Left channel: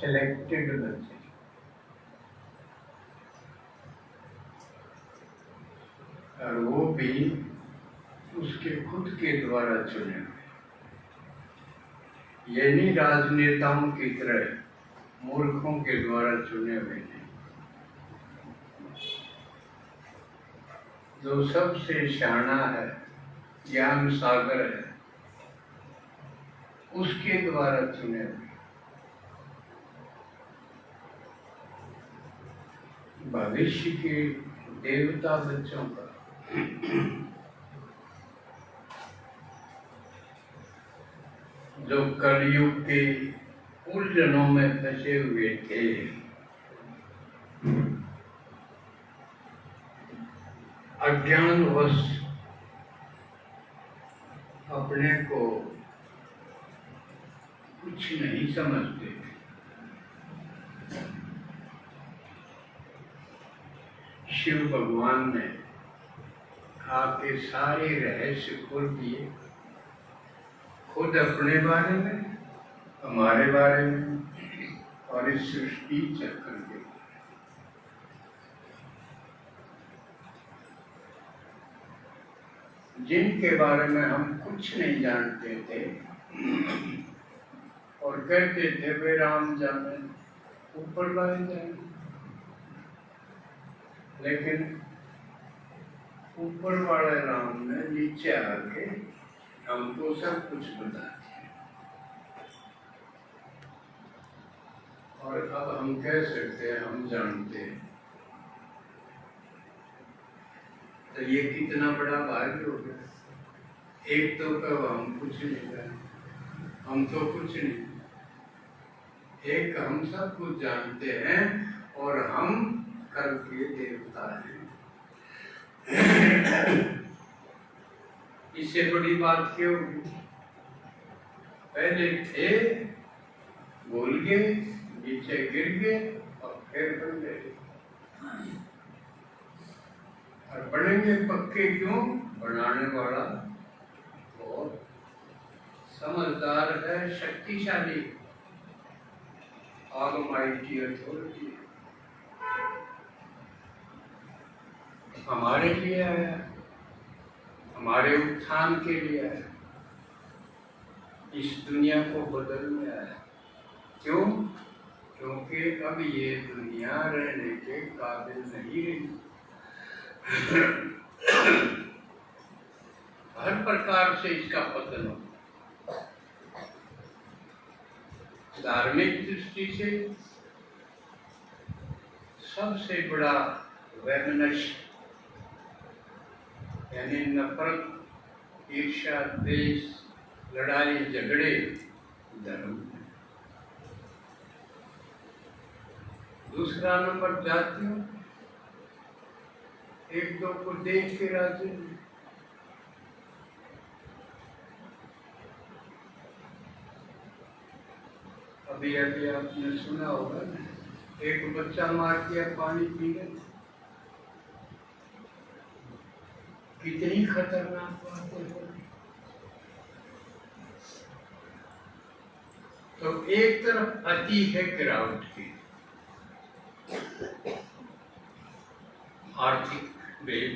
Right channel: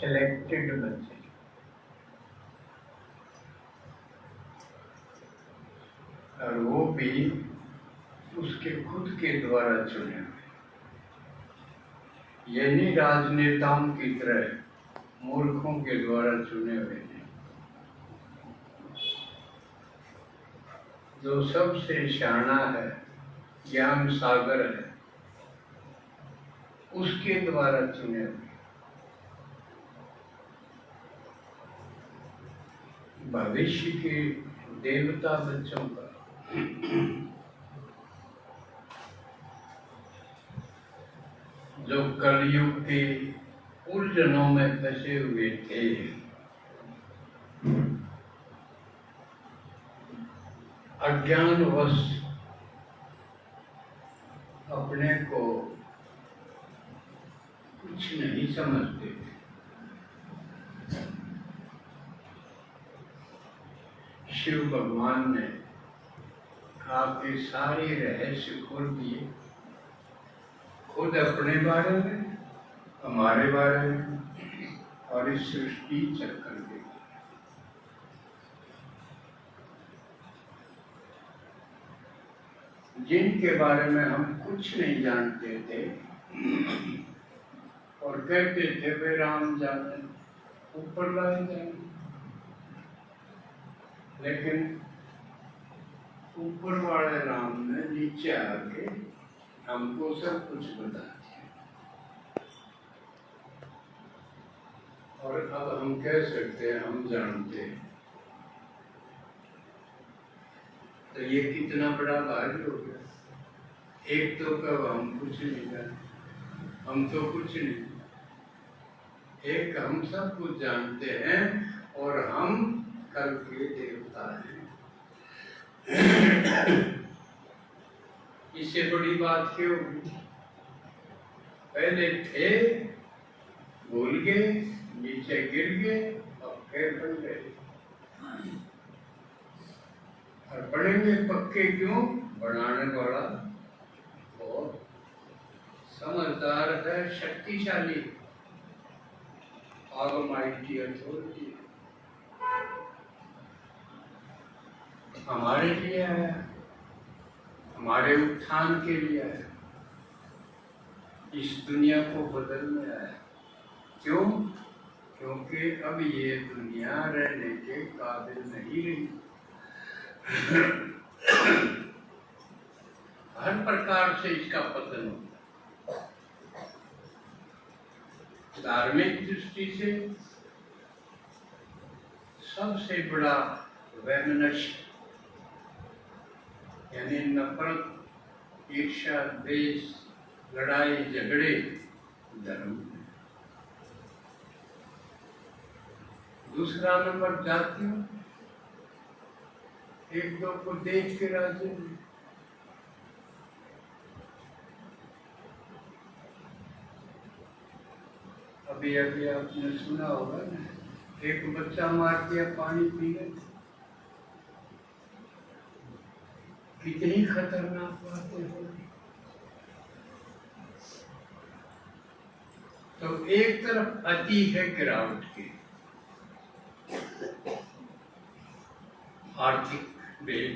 Selected बच्चे, और वो भी उसके खुद के द्वारा चुने हुए, ये नहीं राजनेताओं की तरह मूर्खों के द्वारा चुने हुए नहीं। जो सबसे शाना है, ज्ञान सागर है, उसके द्वारा चुने हुए। भविष्य के देवता बच्चों का जो कलयुग के उलझनों में फंसे हुए थे, अज्ञानवश अपने को कुछ नहीं समझते थे, शिव भगवान ने आपके सारे रहस्य खोल दिए, खुद अपने बारे में, हमारे बारे में, और इस सृष्टि चक्र के। जिनके बारे में हम कुछ नहीं जानते थे और कहते थे वे राम जाने, ऊपर लाए जाए, लेकिन ऊपर वाले राम ने नीचे आके हमको सब कुछ बता दिया। और अब हम कह सकते हैं हम जानते हैं, तो ये कितना बड़ा भाग्य हो गया। एक तो कब हम कुछ नहीं जानते, हम तो कुछ नहीं, एक हम सब कुछ जानते हैं और हम कल के देवता हैं। इससे बड़ी बात क्यों? पहले थे, भूल गए, नीचे गिर गए और फिर बन गए, और बनेंगे पक्के क्यों? बनाने वाला और समझदार है, शक्तिशाली, ऑलमाइटी अथॉरिटी हमारे लिए आया, हमारे उत्थान के लिए आया, इस दुनिया को बदलने आया। क्यों? क्योंकि अब ये दुनिया रहने के काबिल नहीं रही। हर प्रकार से इसका पतन होता, धार्मिक दृष्टि से सबसे बड़ा वैमनस्य यानी नफरत, ईर्ष्या, द्वेष, लड़ाई झगड़े धर्म। दूसरा नंबर जातियों, एक दो को देख के राज्य में। अभी अभी आपने सुना होगा ना, एक बच्चा मार दिया पानी पी गए, कितनी खतरनाक बातें हो। तो एक तरफ अति है गिरावट की, आर्थिक भेद,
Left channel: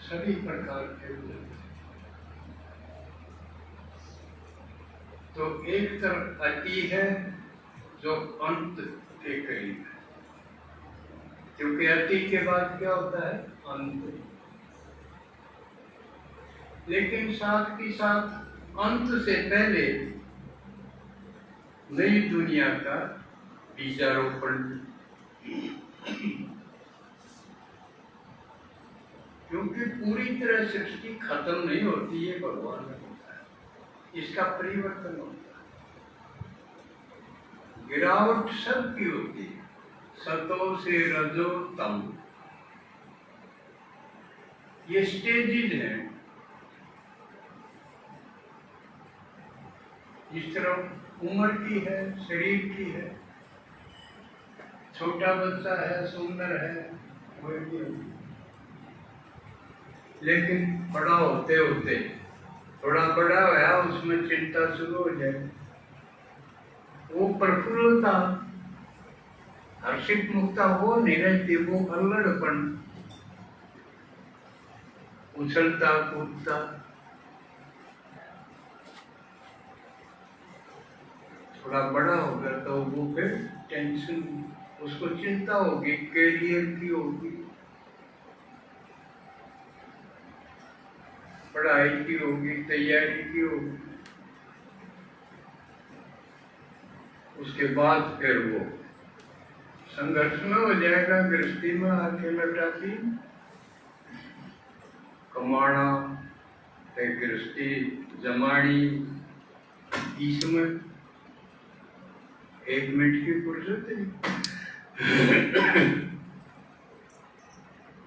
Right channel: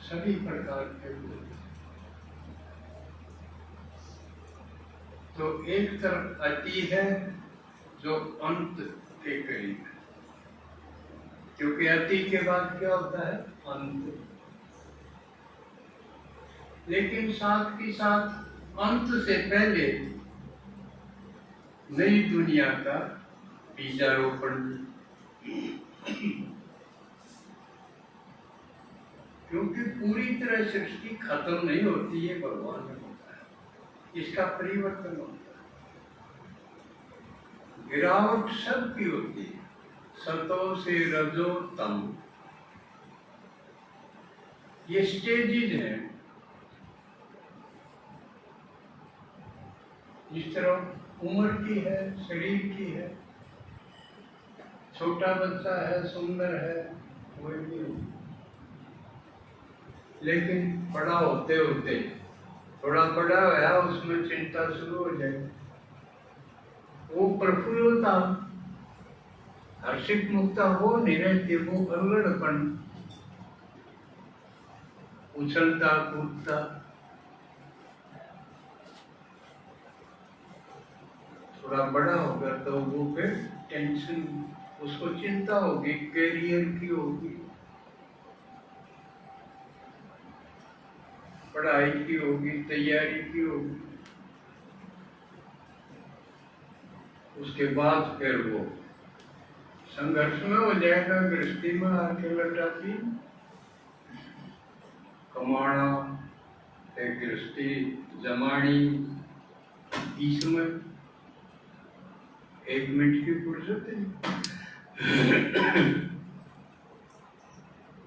सभी प्रकार के, तो एक तरफ अति है जो अंत के करीब है, क्योंकि अति के बाद क्या होता है? अंत। लेकिन साथ ही साथ अंत से पहले नई दुनिया का बीजारोपण, क्योंकि पूरी तरह सृष्टि खत्म नहीं होती है, भगवान में होता है, इसका परिवर्तन होता है। गिरावट सबकी होती है, सतो से रजो तम, ये स्टेजेस हैं। जिस तरह उम्र की है, शरीर की है, छोटा बच्चा है, सुंदर है, वही, लेकिन बड़ा होते होते थोड़ा बड़ा होया, उसमें चिंता शुरू हो जाए, वो प्रफुल्लता हर्षित मुक्ता वो नहीं रहती, वो अल्लड़पन, उछलता कूदता। थोड़ा बड़ा होगा तो वो फिर टेंशन, उसको चिंता होगी, कैरियर की होगी, पढ़ाई की होगी, तैयारी की होगी। उसके बाद फिर वो संघर्ष में हो जाएगा, गृहस्थी में आके लटाती कमाना, एक गृहस्थी जमानी, इसमें 1 मिनट की फुर्सत नहीं।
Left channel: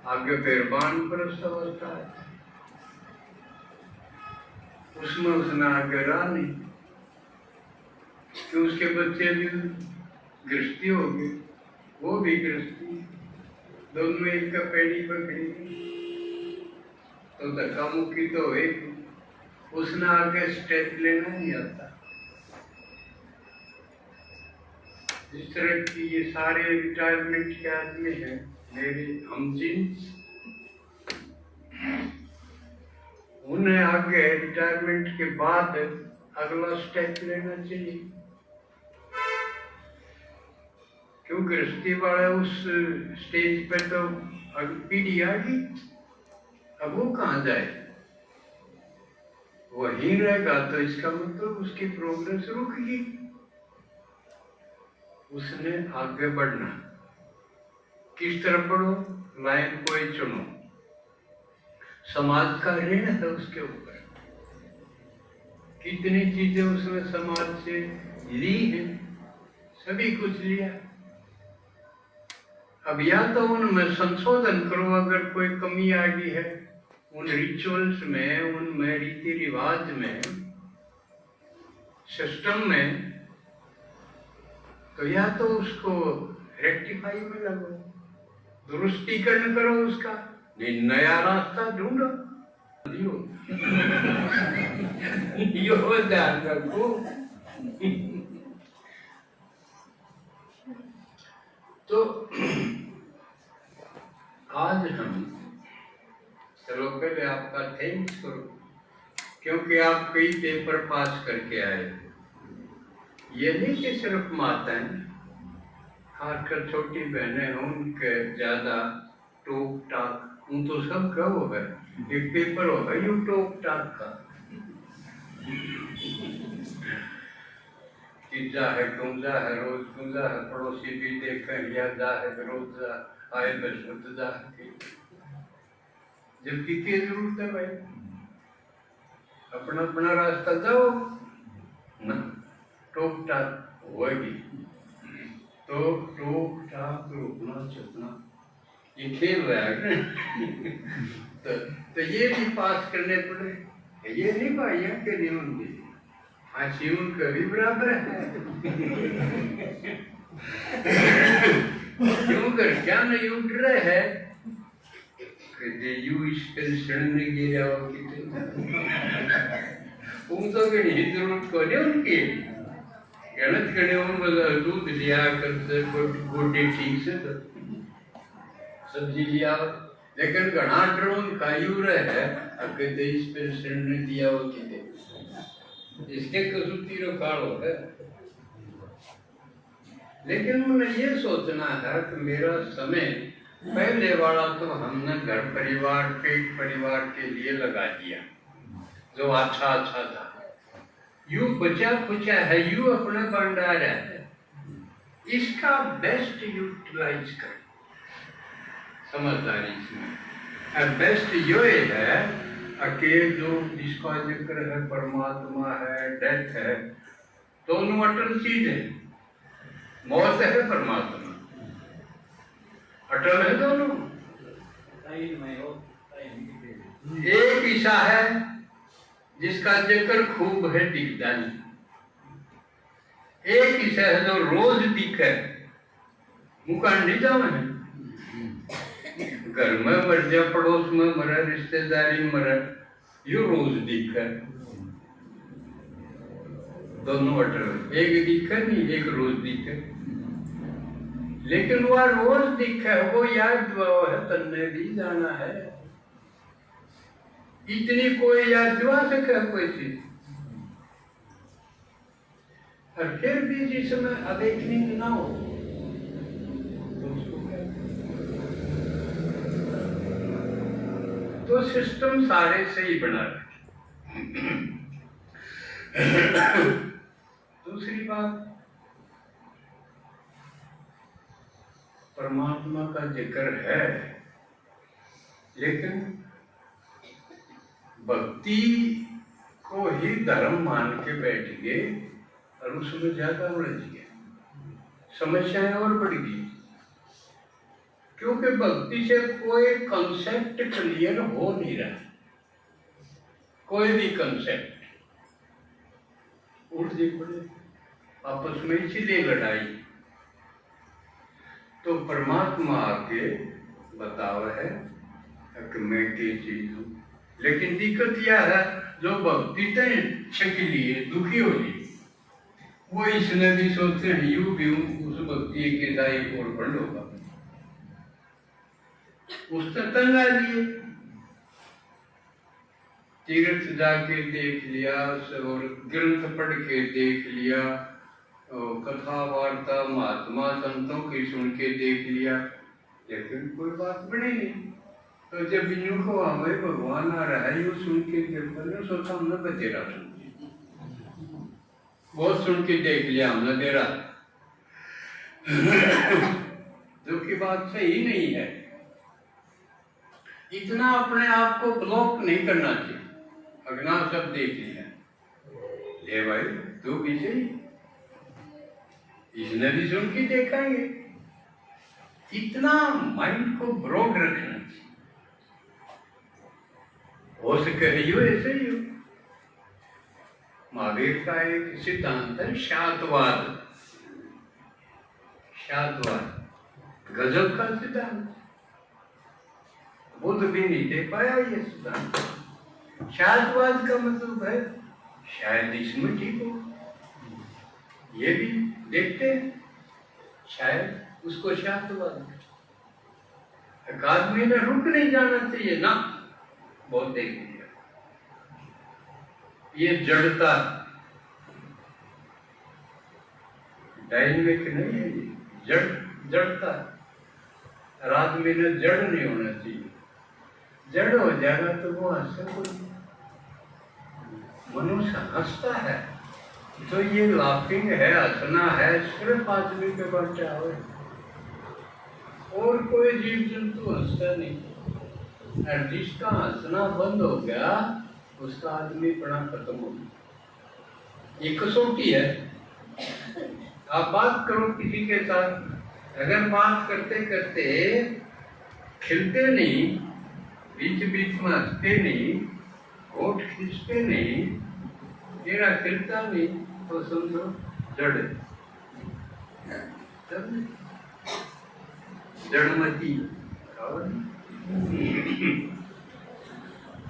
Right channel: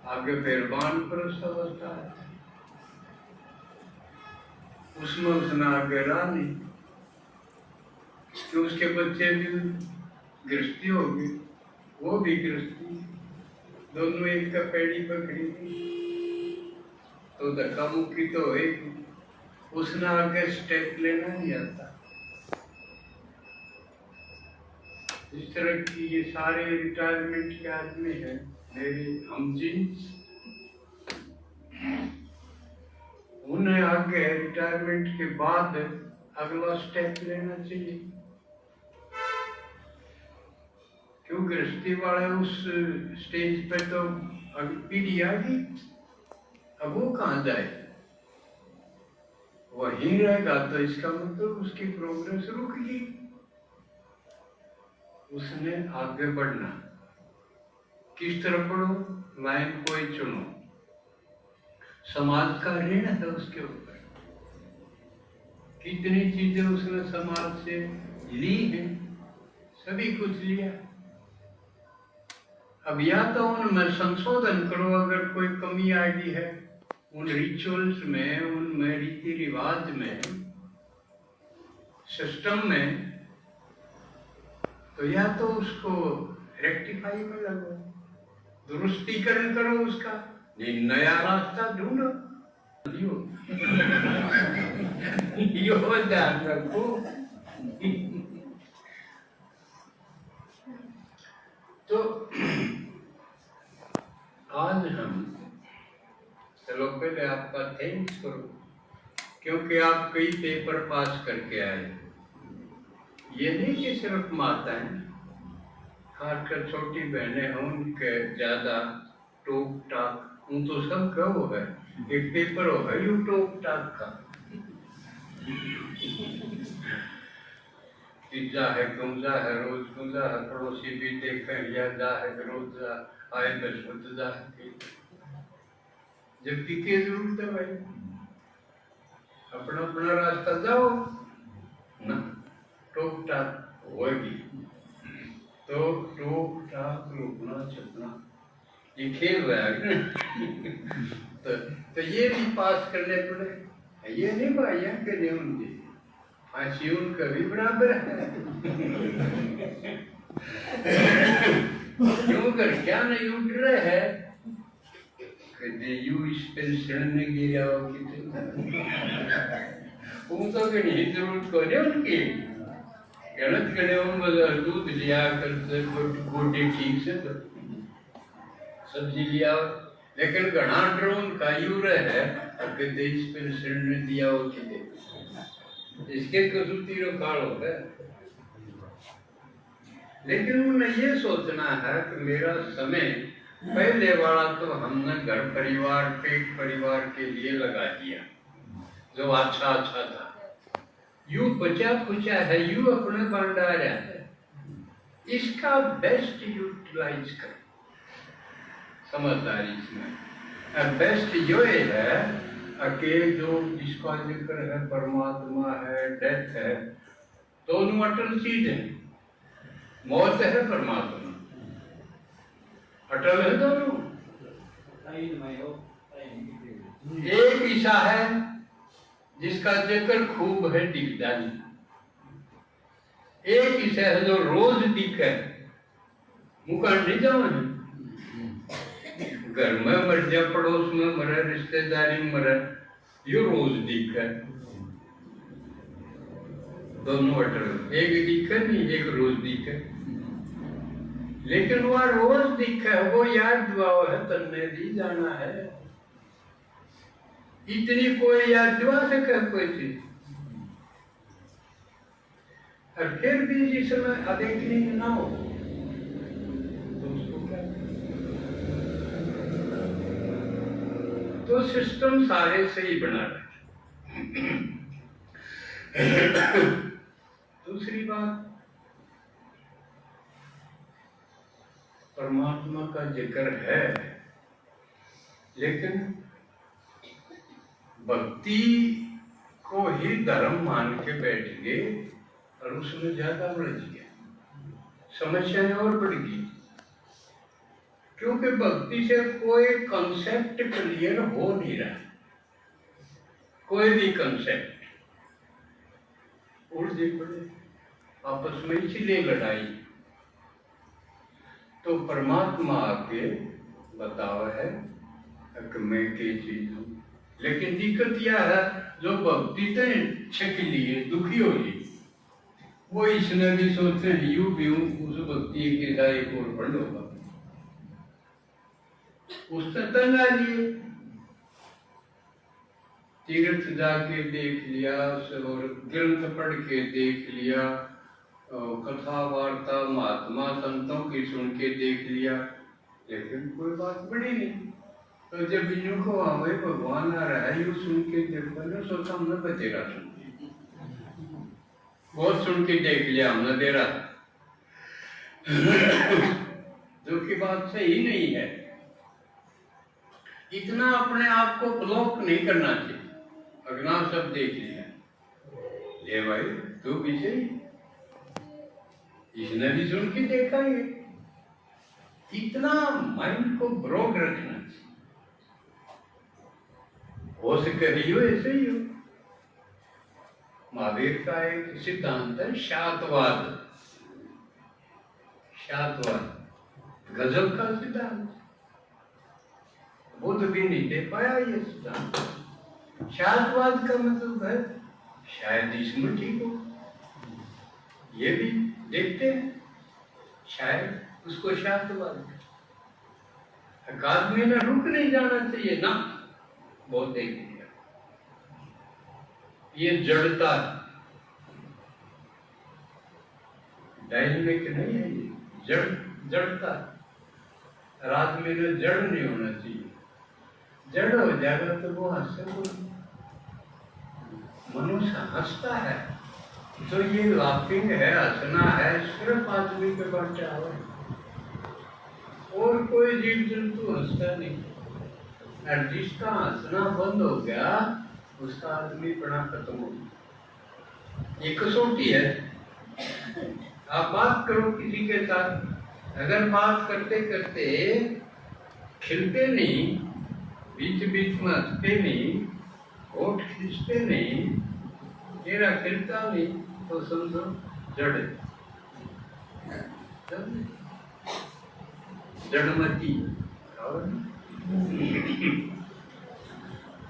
आगे फिर वानप्रस्थ अवस्था है, उसमें उसने आगे रानी कि उसके बच्चे भी गृहस्थी होगी, वो भी गृहस्थी, दोनों एक का पेड़ी पकड़ी तो धक्का मुक्की तो एक, उसने आगे स्टेप लेना नहीं आता। इस तरह की ये सारे रिटायरमेंट के आदमी हैं मेरे हमजिन्स, उन्हें आगे रिटायरमेंट के बाद अगला स्टेप लेना चाहिए। क्यों गृहस्थी वाले उस स्टेज पे तो अभी पीढ़ी आ गई, अब वो कहाँ जाए, वहीं रहेगा तो इसका मतलब उसकी प्रोग्रेस रुक गई। उसने आगे बढ़ना, किस तरफ बढ़ो, लाइन कोई चुनो, समाज का ऋण है उसके ऊपर, कितनी चीजें उसने समाज से ली है, सभी कुछ लिया। अब या तो उनमें संशोधन करो, अगर कोई कमी आ गई है उन रिचुअल्स में, उनमें रीति रिवाज में, सिस्टम में, तो या तो उसको रेक्टिफाई में लगो, दुरुस्तीकरण करो उसका, नहीं नया रास्ता ढूंढो। यो ध्यान रखो। तो आज हम, चलो पहले आपका थैंक्स करो, क्योंकि आप कई पेपर पास करके आए। ये नहीं कि सिर्फ माताएं, खासकर छोटी बहनें हों, उनके ज्यादा टोक टाक, उन तो सब का वो है, एक पेपर होगा यू टोक टाक का, कि जा है गुंजा है रोज गुंजा है, पड़ोसी भी देखे या जा है रोज जा आए बशुद्ध जा है, जबकि क्या जरूरत है भाई, अपना अपना रास्ता जाओ ना, टोक टाक होगी तो टोक टाक रोकना छपना ये खेल रहा है। तो ये भी पास करने पड़े, ये नहीं भाई के नियम दी, फांसी उनका भी बराबर है। क्यों कर क्या नहीं उठ रहे है, यू इस पेंशन में गिरा हो उन तो नहीं जरूरत को नहीं उनकी गलत करे, हम दूध लिया करते गोटे ठीक से तो सब्जी लिया, लेकिन घना ड्रोन कायू रहे अगर देश पेंशन ने दिया हो कि इसके कसूती काल हो है। लेकिन उन्हें ये सोचना है कि मेरा समय पहले वाला तो हमने घर परिवार पेट परिवार के लिए लगा दिया, जो अच्छा अच्छा था, यू बचा खुचा है, यू अपने भंडार है, इसका बेस्ट यूटिलाइज कर, समझदारी इसमें। बेस्ट यो है कि जो जिसका जिक्र है परमात्मा है, डेथ है, दोनों अटल चीज है, मौत है परमात्मा, अटल है दोनों। एक ईसा है जिसका जिक्र खूब है दिखता नहीं, एक ईसा है जो रोज दिखे, मुका नहीं जाओ है, घर में मर जाए, पड़ोस में मरे, रिश्तेदारी में मरे, यो रोज दिखे। दोनों अटल, एक दिखे नहीं, एक रोज दिखे, लेकिन वह रोज दिखे वो याद दुआ है, तन्ने दी जाना है। इतनी कोई याद दुआ सके कोई चीज, और फिर भी जिस समय अवेकनिंग ना हो तो उसको क्या, तो सिस्टम सारे सही बना रहे। दूसरी बात, परमात्मा का जिक्र है, लेकिन भक्ति को ही धर्म मान के बैठ गए और उसमें ज्यादा उलझ गया, समस्याएं और बढ़ गई, क्योंकि भक्ति से कोई कंसेप्ट क्लियर हो नहीं रहा, कोई भी कंसेप्ट उलझे पड़े आपस में, इसीलिए लड़ाई। तो परमात्मा आके बताव है कि मैं की चीज हूँ, लेकिन दिक्कत यह है जो भक्ति तय छकली है, दुखी हो गई, वो इसमें भी सोचते हैं यू भी हूँ, उस भक्ति के साथ एक और फंड होगा, उसने तंग आ लिए, तीर्थ जाके देख लिया और ग्रंथ पढ़ के देख लिया, कथा वार्ता महात्मा संतों की सुन के देख लिया, लेकिन कोई बात बनी नहीं। तो जब इन को हमें भगवान आ रहा है, यू सुन के देखो, सोचा हमने बतेरा सुन, बहुत सुन के देख लिया हमने देरा, जो की बात सही नहीं है। इतना अपने आप को ब्लॉक नहीं करना चाहिए। अगना सब देख लिया, ले भाई तू भी सही, इसने भी सुन के देखा ये, इतना माइंड को ब्रॉड रखना चाहिए, हो सके ही हो ऐसे ही हो। महावीर का एक सिद्धांत है शातवाद, शातवाद गजब का सिद्धांत, बुद्ध भी नहीं दे पाया ये सिद्धांत। शातवाद का मतलब है शायद इसमें ठीक हो, ये भी देखते हैं, शायद उसको शातवाद। आदमी में रुक नहीं जाना चाहिए ना, बहुत देख लिया, ये जड़ता डायनेमिक नहीं है, ये जड़ता। आदमी में जड़ नहीं होना चाहिए, जड़ हो जाएगा तो वो हंसता, मनुष्य हंसता है तो ये लाफिंग है, हंसना है, सिर्फ आदमी के बच्चा हो, और कोई जीव जंतु हंसता नहीं। और जिसका हंसना बंद हो गया उसका आदमी पड़ा खत्म हो गया। ये कसौटी है। आप बात करो किसी के साथ, अगर बात करते करते खिलते नहीं, बीच बीच में हंसते नहीं, होठ खींचते नहीं, तेरा खिलता नहीं, तो समझो जड़, जड़मती।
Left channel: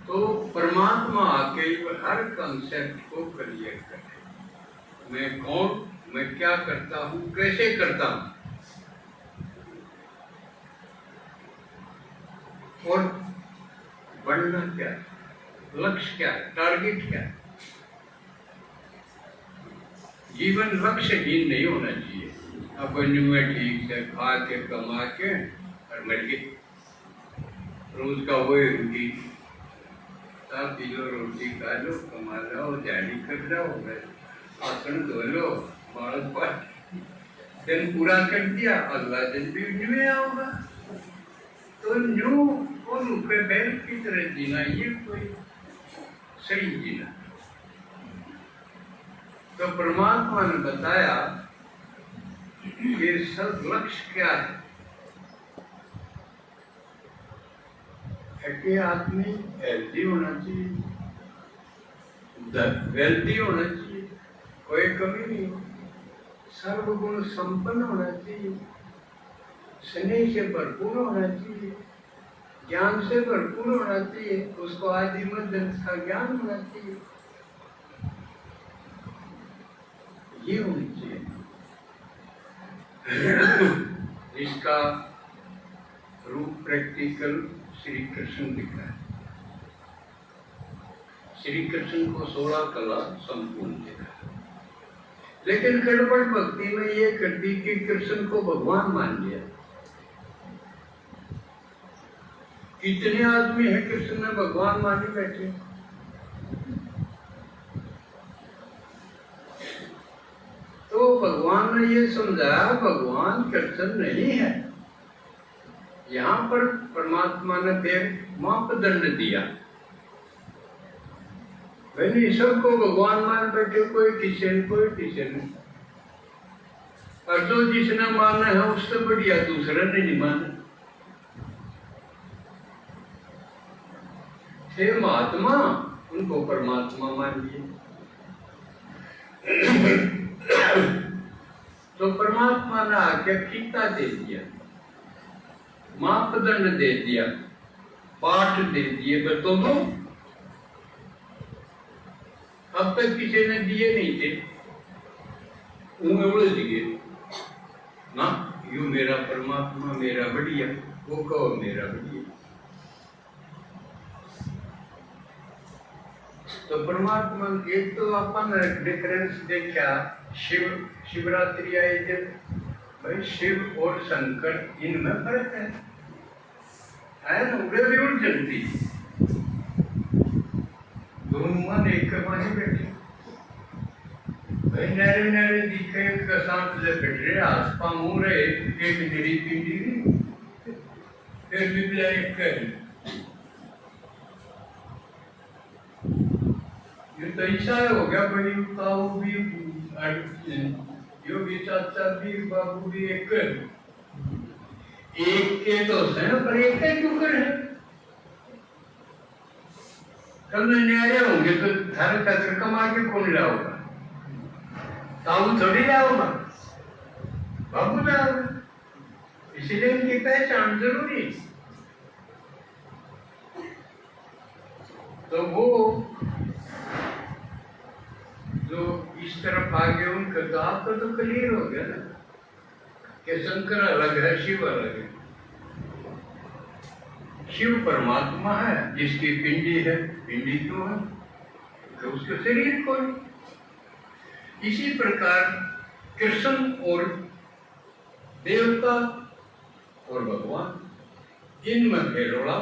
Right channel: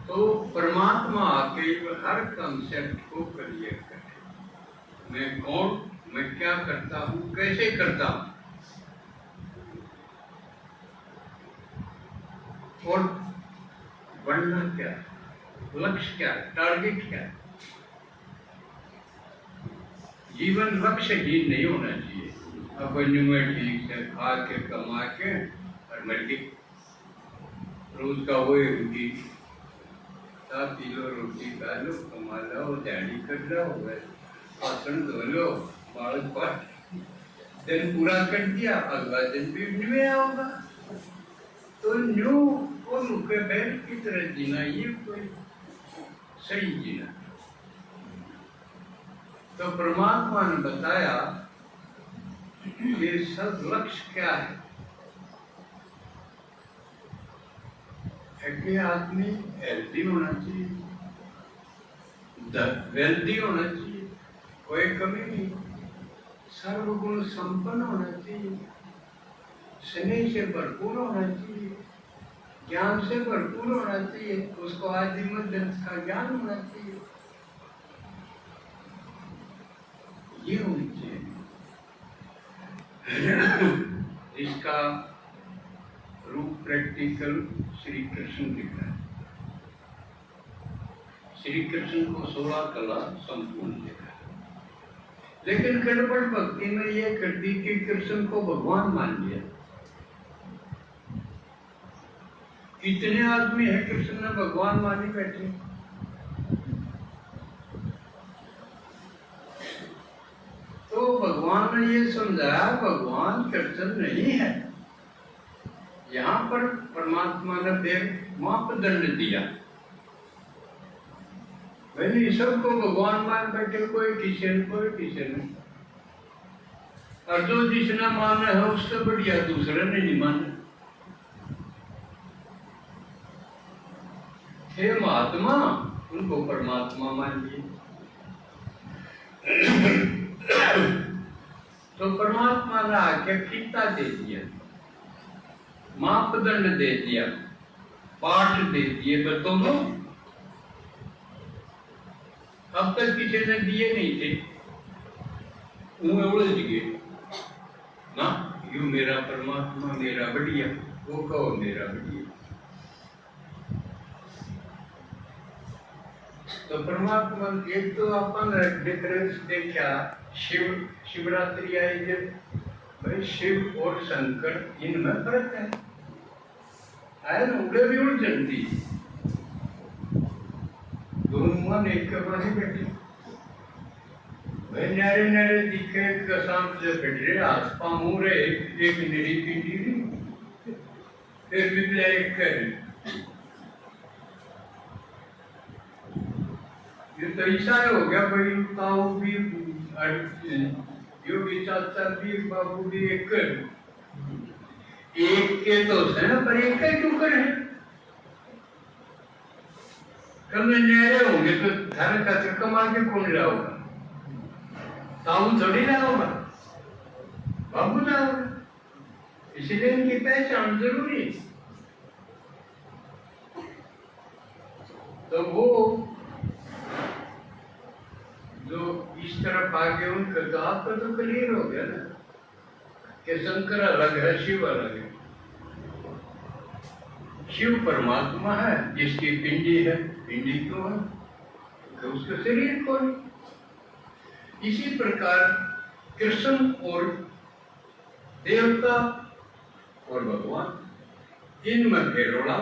तो परमात्मा आके हर कंसेप्ट को क्लियर करे, मैं कौन, मैं क्या करता हूँ, कैसे करता हूँ, और बढ़ना क्या, लक्ष्य क्या, टारगेट क्या। जीवन लक्ष्यहीन नहीं होना चाहिए। अपन में ठीक से खा के कमा के और मर गए, रोज का वही होगी, साथ पी लो, रोटी खा लो, कमा लो, जानी कर लो, आसन धो लो, बाल पर दिन पूरा कर दिया, अगला दिन भी में आओगा। तो न्यू और रुपये बैल की तरह जीना, ये कोई सही जीना। तो परमात्मा ने बताया कि सब लक्ष्य क्या है, कि आदमी हेल्दी होना चाहिए, वेल्दी होना चाहिए, कोई कमी नहीं, सर्वगुण संपन्न होना चाहिए, स्नेह से भरपूर होना चाहिए, ज्ञान से भरपूर होना चाहिए, उसको आदि मध्य का ज्ञान होना चाहिए। ये होनी चाहिए। इसका रूप प्रैक्टिकल श्री कृष्ण दिखा है। श्री कृष्ण को 16 कला संपूर्ण दिखा है, लेकिन गड़बड़ भक्ति में ये कर दी कि कृष्ण को भगवान मान लिया। कितने आदमी है कृष्ण ने भगवान मानी बैठे। तो भगवान ने ये समझाया भगवान कृष्ण नहीं है। यहाँ पर परमात्मा ने फिर मापदंड दिया, भाई सबको भगवान मान बैठे, कोई किशन कोई किशन। और जो जिसने माना है उससे बढ़िया दूसरे ने नहीं माना। थे महात्मा, उनको परमात्मा मान लिए। तो परमात्मा ने आके फीता दे दिया, मापदंड दे दिया, पाठ दे दिए। बताओ अब तक किसी ने दिए नहीं थे, उलझ गए ना। यू मेरा परमात्मा मेरा बढ़िया, वो कहो मेरा बढ़िया। तो परमात्मा एक तो अपन डिफरेंस देखा, शिवरात्रि आई जब, भाई शिव और शंकर इनमें फर्क है ना। उड़े भी उलझन थी, दोनों मन एक माने बैठे, भाई नारे नारे दिखे शांत से बैठ रहे, आसपा मुंह रहे, एक निरी पिंडी फिर भी एक कर। ये तो ऐसा हो गया, भाई ताऊ भी योगी चाचा भी बाबू भी एक के तो है ना, पर एक क्यों कर है। कल न्यारे होंगे तो थारे चाचा कमा के कौन लाओगा? ताऊ थोड़ी लाओगा, बाबू लाओगा। इसलिए इनकी पहचान जरूरी। तो वो जो इस तरफ आ गए उनका तो आपका तो क्लियर हो गया ना कि शंकर अलग है, शिव अलग है। शिव परमात्मा है जिसकी पिंडी है। पिंडी क्यों है? तो उसका शरीर कौन। इसी प्रकार कृष्ण और देवता और भगवान इनमें फेरोड़ा।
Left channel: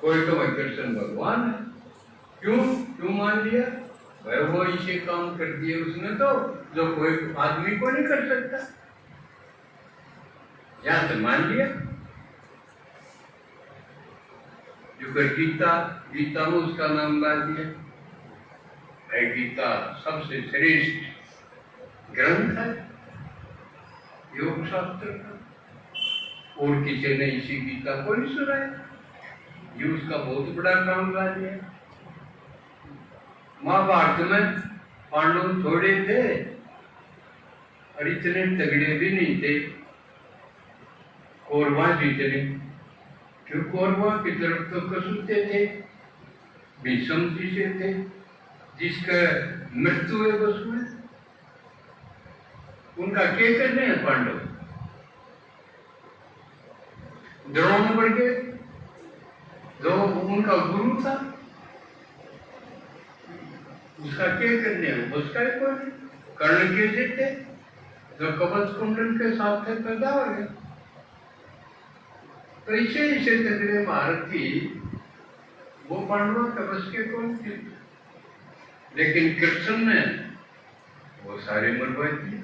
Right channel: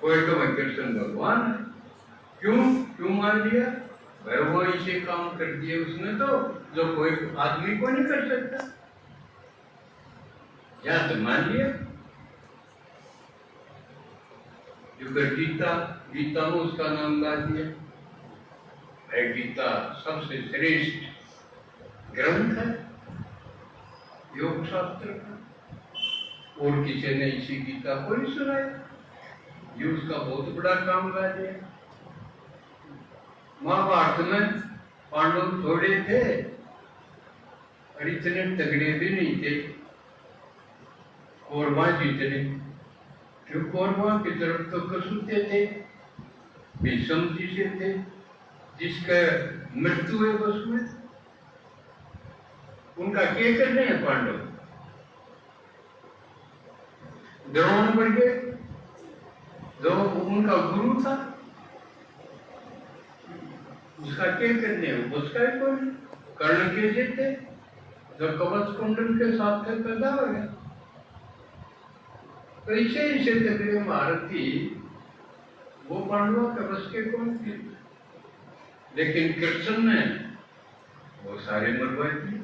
कोई तो मैं कृष्ण भगवान है, क्यों मान लिया? भाई वो इसे काम कर दिए उसने, तो जो कोई आदमी को नहीं कर सकता, या तो मान लिया। जो गीता में उसका नाम ला दिया है। गीता सबसे श्रेष्ठ ग्रंथ है योग शास्त्र का, और किसी ने इसी गीता को नहीं सुनाया, ये उसका बहुत बड़ा काम ला दिया। महाभारत में पांडव थोड़े थे और इतने तगड़े भी नहीं थे। कौरवा जीतने, क्यों कौरवा की तरफ तो कसूते थे, भीष्म जी से थे, जिसका मृत्यु है बस में। उनका क्या करने हैं पांडव? द्रोण बढ़ गए, जो उनका गुरु था, उसका क्या करने है? उसका ही कोई कर्ण के देते, जो कवच कुंडल के साथ थे पैदा हो गया। तो इसे तगड़े महारथी वो पांडवा का बस के कौन थे? लेकिन कृष्ण ने वो सारे मरवाए थे।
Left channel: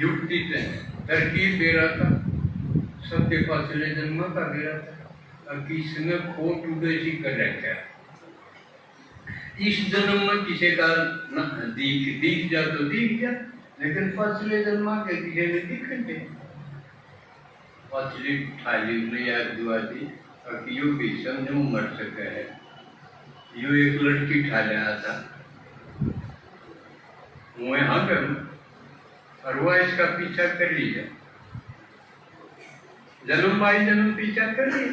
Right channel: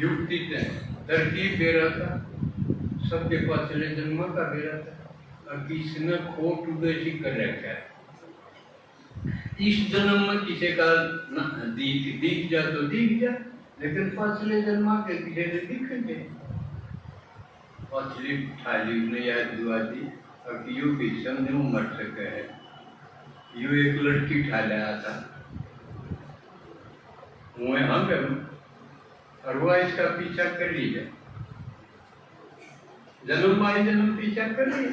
युक्ति से तरकीब दे रहा था, सबके पास चले जन्म का दे रहा था। किसने खोट उदेशी कर रखा है। इस जन्म में किसी का दिख जा तो दिख जा, लेकिन पछले जन्म के किसी ने दिखेंगे। पछली थाली ने याद दुआ दी और यू भी समझो मर सके है। यू एक लड़की ठाले आता वो यहाँ पे, और वो इसका पीछा कर लिया, जन्म बाई जन्म पीछा कर लिया।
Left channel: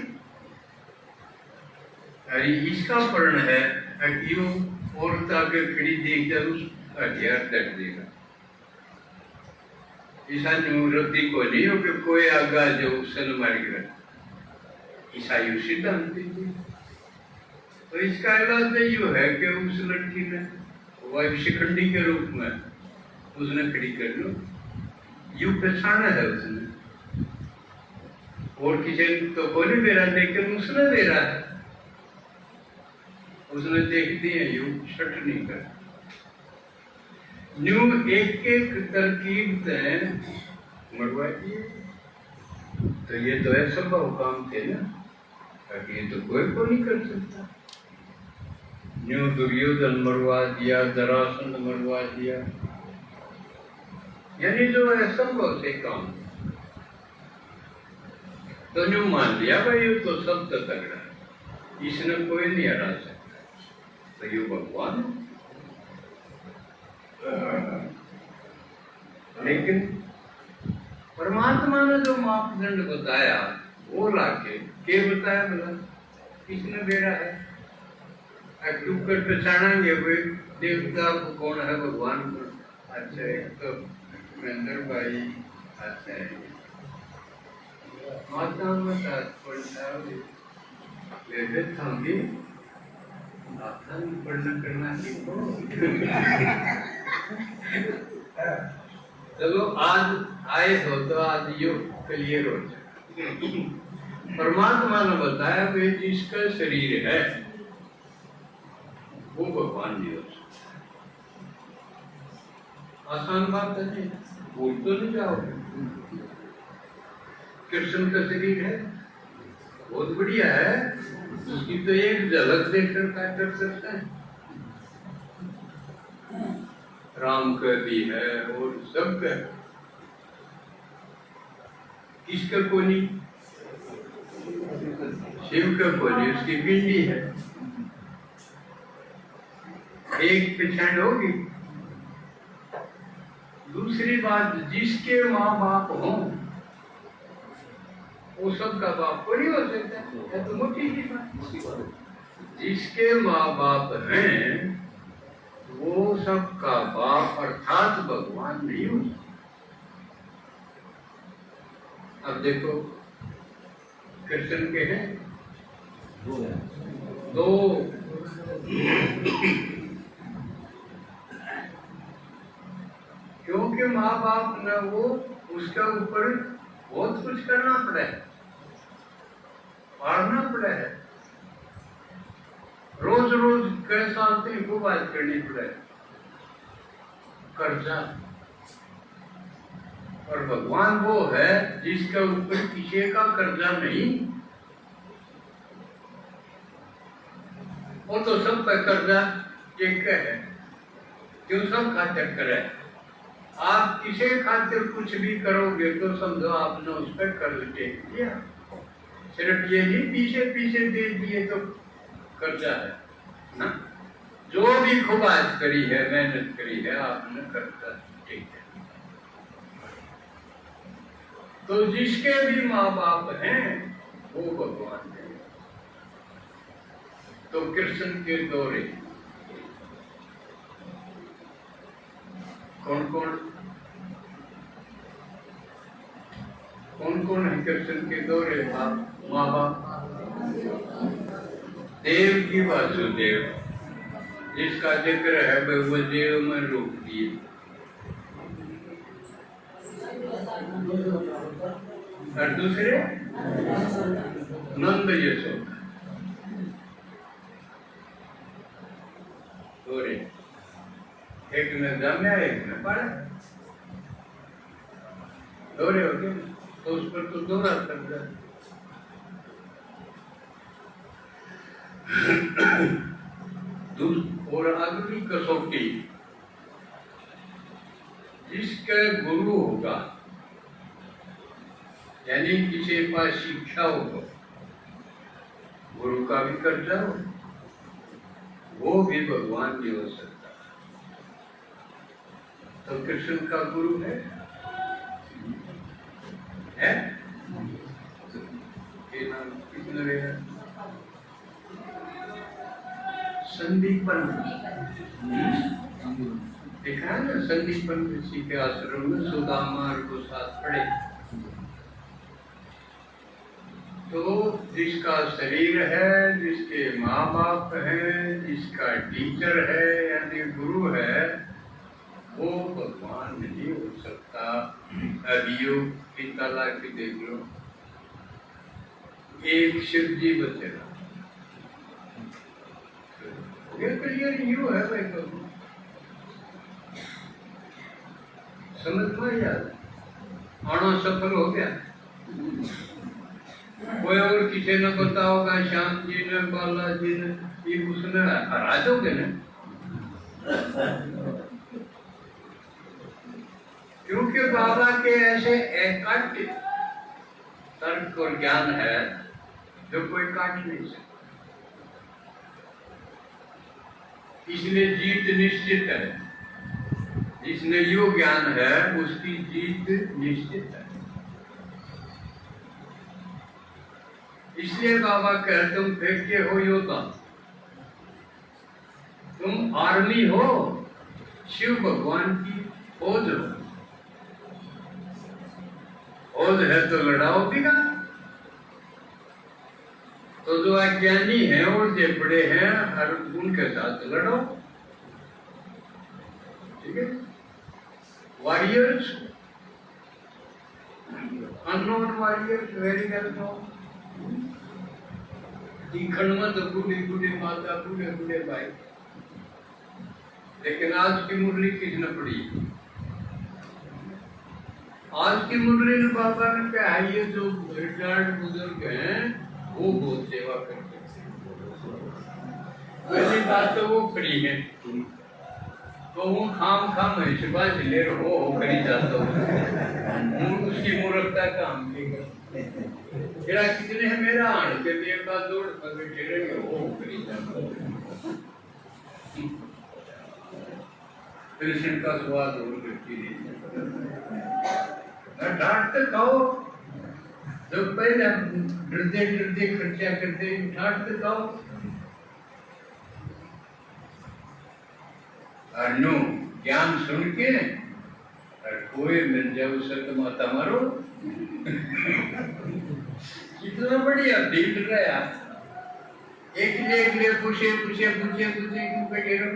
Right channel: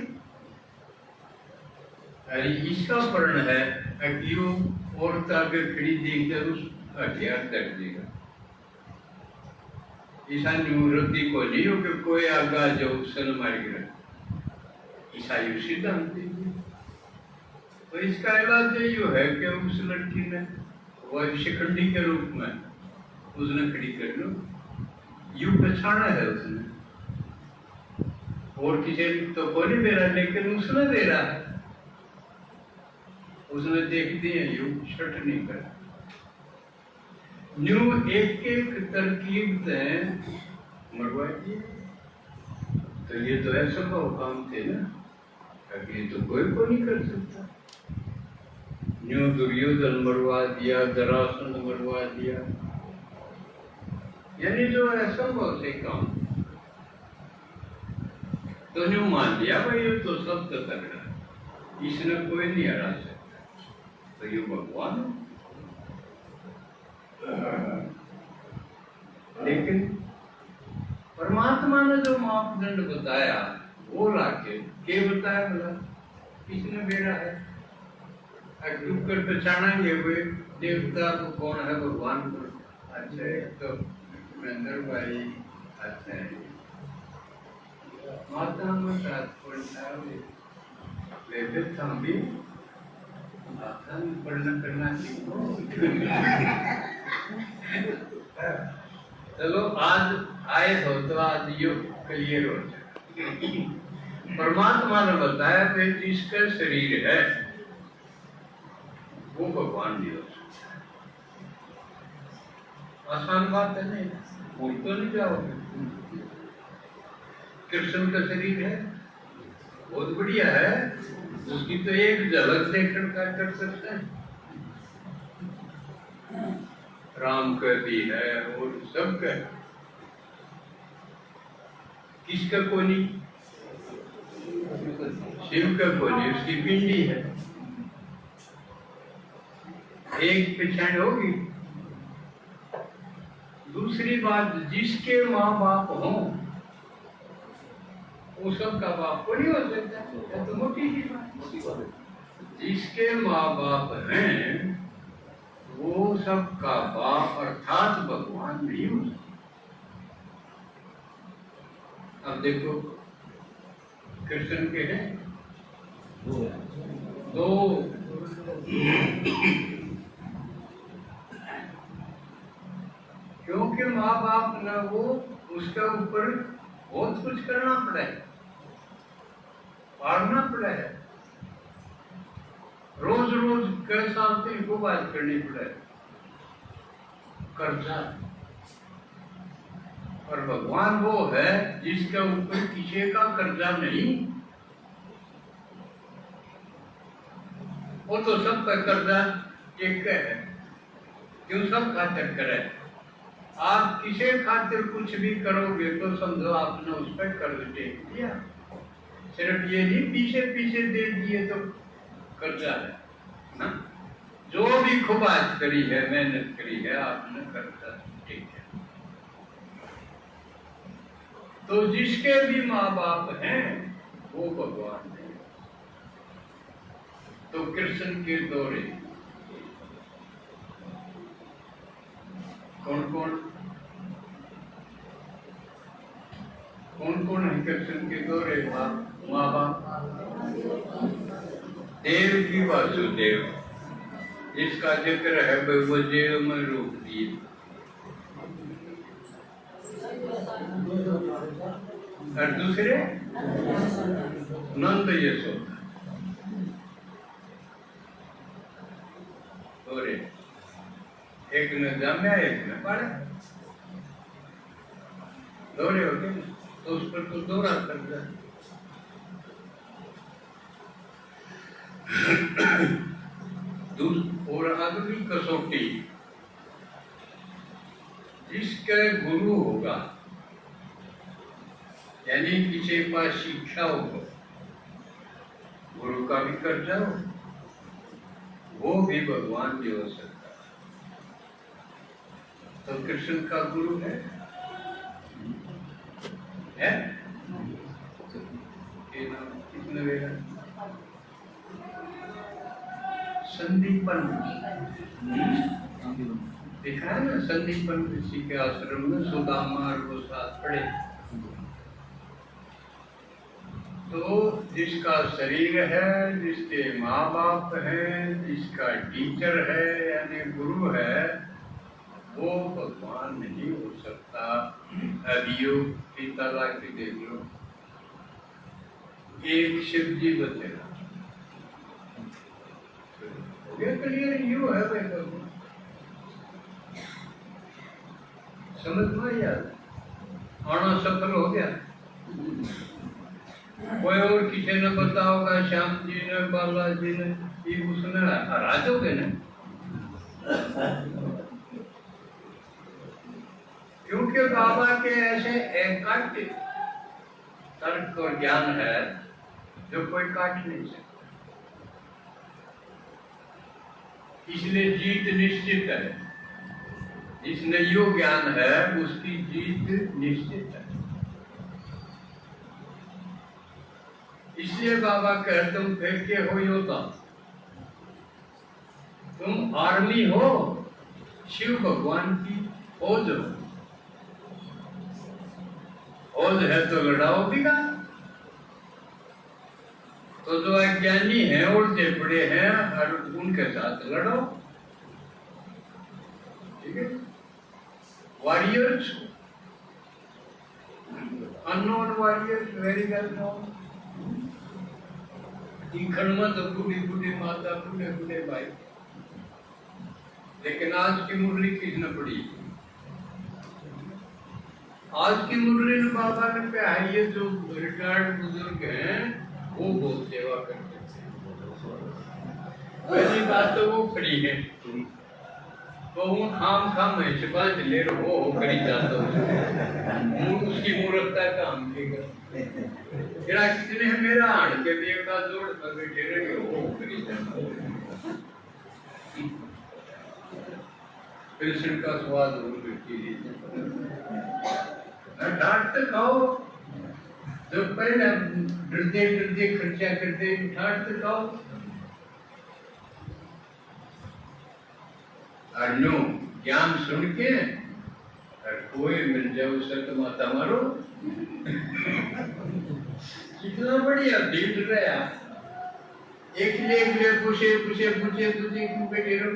अरे इसका वर्ण है कि वो औरत आगे खड़ी देखकर उसका हथियार तक देगा। ईसा निवृत्ति को नहीं हो कि कोई आगा जो सन मार गिरा, ईसाई सिद्धांत दीजिए। तो इसका इलाज ये है कि उस लड़की ने वह शिखंडी के रूप में उसने खड़ी कर लो, यू पहचाना है उसने, और किसी तो को नहीं दे रहा, लेकिन उसने दे रहा है। उसने देख दिया, यू छट नहीं कर न्यू एक एक तरकीब मरवा दिए। तो ये तो ऐसा काम थे ना, ताकि ये तो कोई को नहीं कर सकता। न्यू दुर्योधन मरवा दिया, जरासंध मरवा दिया, यानी जो असंभव से काम। तो न्यू मान लिया भाई ये तो सब तो कर रहा है, इसने कोई नहीं हरा सकता, तो ये भगवान। लेकिन परमात्मा ने जो मापदंड बताया वो लाके के बताया, बोला किसने बेरा है कर पहचानेंगे कोई देवता को कौन है, भगवान को। अच्छा एक तो महेंद्र भाई, अच्छा माता में पढ़ना करना सीखो। चलो आज आए हो तो आज यो क्लियर हो जाए। परमात्मा ने बताया कि जिसका शरीर है वो भगवान नहीं हो सकता। आसान बात है, नहीं भूल तो नहीं जाओगे। कृष्ण का शरीर है, बहुत बढ़िया है, उसकी तो एक झलक देखकर क्या कर सकता है। राम का भी है और सबका, किसका को नहीं, शिव का को नहीं, उसकी पिंडी है। एक पहचान होगी। दूसरी बात, जिसके माँ बाप हों वो सबका बाप को नहीं हो सकता, है तो मोटी की बात। जिसके माँ बाप हैं वो सबका बाप अर्थात भगवान नहीं हो सकता। अब देखो कृष्ण के हैं दो, क्योंकि माँ बाप ने वो उसका ऊपर बहुत कुछ करना पड़ा है, पढ़ना पड़ा है, रोज रोज कई साल से को बात करनी पड़े, कर्जा। और भगवान वो है जिसका ऊपर किसी का कर्जा नहीं, वो तो सबका कर्जा एक है, क्यों सब खातिर करे। आप किसी खातिर कुछ भी करोगे तो समझो आपने उस पर कर्ज टेक दिया, सिर्फ ये ही पीछे पीछे दे दिए तो कर्जा है ना। जो भी खुबाज करी है, मेहनत करी है, आपने कर्जा टेक है। तो जिसके भी माँ बाप हैं वो भगवान है। तो कृष्ण के दौरे कौन कौन कौन कौन है कृष्ण के दौरे माँ बाप? देव की वासुदेव, जिसका जिक्र है भगवदेव में रूप दिए। और दूसरे नंद यशोदा दौरे, एक ने जन्मा एक ने पाला, दौरे हो गए तो उस पर तो दौरा कर दिया। और अगली कसौटी, जिसका गुरु होगा यानी किसी के पास शिक्षा होगा, गुरु का भी कर्जा हो, वो भी भगवान नहीं हो सकता। तो कृष्ण का गुरु है? कितने संदीपन। देखा है ना, संदीपन ऋषि के आश्रम में सुदामा और को साथ पड़े। तो जिसका शरीर है, जिसके माँ बाप हैं, जिसका टीचर है यानी गुरु है, वो भगवान नहीं हो सकता। अभियोग की तलाक देख लो, एक शिव जी बचेगा। क्लियर यू है भाई, समझ में यार आना सफल हो गया। कोई और किसी ने पता होगा, श्याम जी ने, बालाजी ने, ये उसने हरा दोगे ना, क्योंकि बाबा के ऐसे एकांत तर्क और ज्ञान है जो कोई काट नहीं सकता। इसलिए जीत निश्चित है। जिसने यो ज्ञान है उसकी जीत निश्चित है। इसलिए बाबा कहते तुम फेंके हो योद्धा, तुम आर्मी हो, शिव भगवान की फौज हो। फौज है तो लड़ाओ दिखा। तो जो अज्ञानी हैं और जो बड़े हैं और उनके साथ लड़ो, ठीक है। Warriors, unknown warriors, very well known. दिखण में तो बूढ़ी बूढ़ी माता, बूढ़े बूढ़े भाई, लेकिन आज की मुरली किसने पड़ी? आज की मुरली में बाबा ने कहा ये जो रिटायर्ड बुजुर्ग हैं वो बहुत सेवा करते हैं। पहली बात तो वो खड़ी है, तो वो खाम है सिपाही से ले रहो हो करी जाता हूँ, उसकी मूर्खता काम लेगा। जरा कितने है मेरा आने के लिए का जोड़ पर बैठे रहे हो करी जाता हूँ। कृष्ण का स्वाद और करती डांट तो खाओ, जो पहले डरते खर्चा करते डांट तो खाओ। और नो ज्ञान सुन के और कोई मिल जाओ सत माता मारो। कितना बढ़िया फील रहा है। एक ले पूछे क्यों बैठे रहो।